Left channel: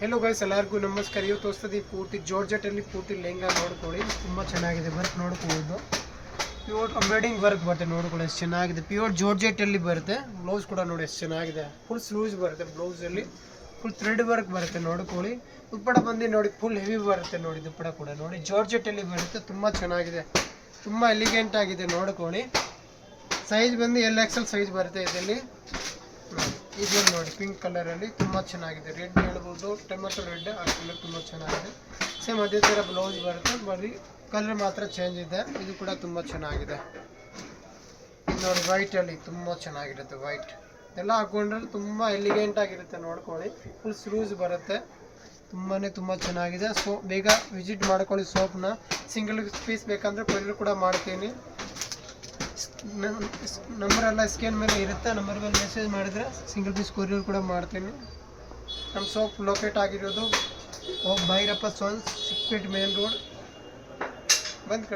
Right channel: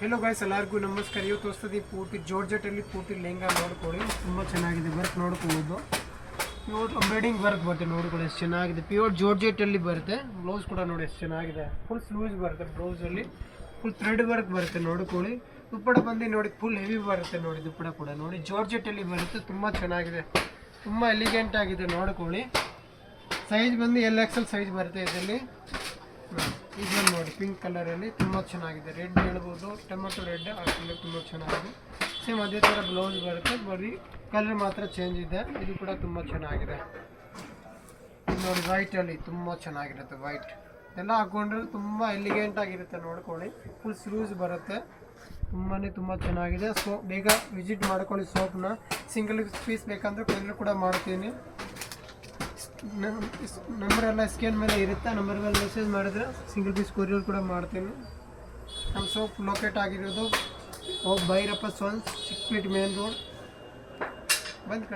Hello guys, ಎಲ್ಲರಿಗೂ ನಮಸ್ಕಾರ. ಇವತ್ತು ಹೊಸ್ತದಿ ಪೂರ್ತಿ ಜಾರ್ಜೆಟಲ್ಲಿ ಪೂರ್ತಿ ಲೆಹಂಗಾ ನೋಡ್ಕೊಳ್ಳಿ. ತುಂಬ ಚೆನ್ನಾಗಿದೆ ವರ್ಕ್ ನೋಡ್ಕೊಳ್ಳೋದು. ಪ್ಯೂರ್ ಎಂಬ್ರಾಯ್ಡಿಂಗ್ ವರ್ಕ್ ಬರುತ್ತೆ ನೋಡ್ಕೊಳ್ಳಿ, ಎಷ್ಟು ಚೆನ್ನಾಗಿದೆ. ಪ್ಯೂರ್ ಜಾರ್ಜೆಟಲ್ಲಿ ಬರುತ್ತೆ. ಬ್ಲೌಸ್ ಕೂಡ ನೋಡಿ ಎಷ್ಟು ಚೆನ್ನಾಗಿದೆ. ಫುಲ್ ಸ್ಲೂಸ್ ಬರುತ್ತೆ ಬ್ಲೌಸಲ್ಲಿ. ಫುಲ್ ಥ್ರೆಡ್ ವರ್ಕ್ ಬರುತ್ತೆ ನೋಡ್ಕೊಳ್ಳಿ. ದುಪ್ಪಡ ಬಂದು ನೋಡಿ ಫುಲ್ ಹೆವಿ ಬರುತ್ತೆ ನೋಡಿ. ದುಪ್ಪಡ ಕೂಡ ನೋಡಿ ಜಾರ್ಜೆಟಲ್ಲಿ ಬರುತ್ತೆ. ತುಂಬ ಚೆನ್ನಾಗಿದೆ, ತುಂಬ ಎಲಿಗೆಂಟ್ ಆಗಿದೆ ನೋಡ್ಕೊಳ್ಳಿ. ಸೈಜ್ ಬಂದು XL ಸೈಜ್ ಬರುತ್ತೆ ಇದರಲ್ಲಿ. ಇದನ್ನು ನೋಡಿ ಪಿಂಕ್ ಕಲರಲ್ಲಿ ತುಂಬ ಚೆನ್ನಾಗಿದೆ. ರೆಡ್ ಹೇಳ್ಬೋದು, ಟೊಮೆಟೊ ರೆಡ್ ಆ ಕಲರ್ ತುಂಬ ಚೆನ್ನಾಗಿದೆ. ಸೇಮ್ ಅದೇ ಥರ ಬ್ಲೌಸ್ ಬರುತ್ತೆ, ಬರೀ ಕಲರ್ ಮಾತ್ರ ಚೇಂಜ್ ಇದೆ. ಇದು ಕೂಡ ತುಂಬ ಚೆನ್ನಾಗಿದೆ. ಇದು ನೋಡಿ ವೈಟಲ್ಲಿ ತುಂಬ ಚೆನ್ನಾಗಿರುತ್ತೆ. ವೈಟ್ ಎಲ್ಲ ಹಾಕೊಂಡ್ರೆ ತುಂಬ ಎಲಿಗೆಂಟ್ ಆಗಿರುತ್ತೆ ನೋಡ್ಕೊಳ್ಳಿ. ಫುಲ್ ಸ್ಲೂಸ್ ಬರುತ್ತೆ. ತುಂಬ ಚೆನ್ನಾಗಿದೆ. ಸೊ ಬೇಗ ವಿಸಿಟ್ ಮಾಡ್ಕೊಳ್ಳಿ ಸೋಪ್ನ. ಸಿಂಗಲ್ ಪೀಸ್ ಬೇಕಂದರೆ ಕೊರಿಯರ್ ಕೂಡ ಮಾಡ್ತೀನಿ. ನಂಬರೆಲ್ಲ ಸ್ಕ್ಯಾನ್ ಮೇಲೆ ಇರುತ್ತೆ. ನಂಬರ್ ಮೇಲೆ ಮೆಸೇಜ್ ಮಾಡಿದರೆ ಸಿಂಗಲ್ ಪೀಸ್ ಕೊರಿಯರ್ ಕೂಡ ಮಾಡ್ತೀನಿ. ನಮ್ಮ ಸೋಪ್ ಲೊಕೇಟ್ ಆಗಿರೋದು ಭೈರಪ್ಪ ಸೋನ್ಸ್, 6 ಫೀಟ್ ಮೇನ್ ರೋಡ್ ಬಂದು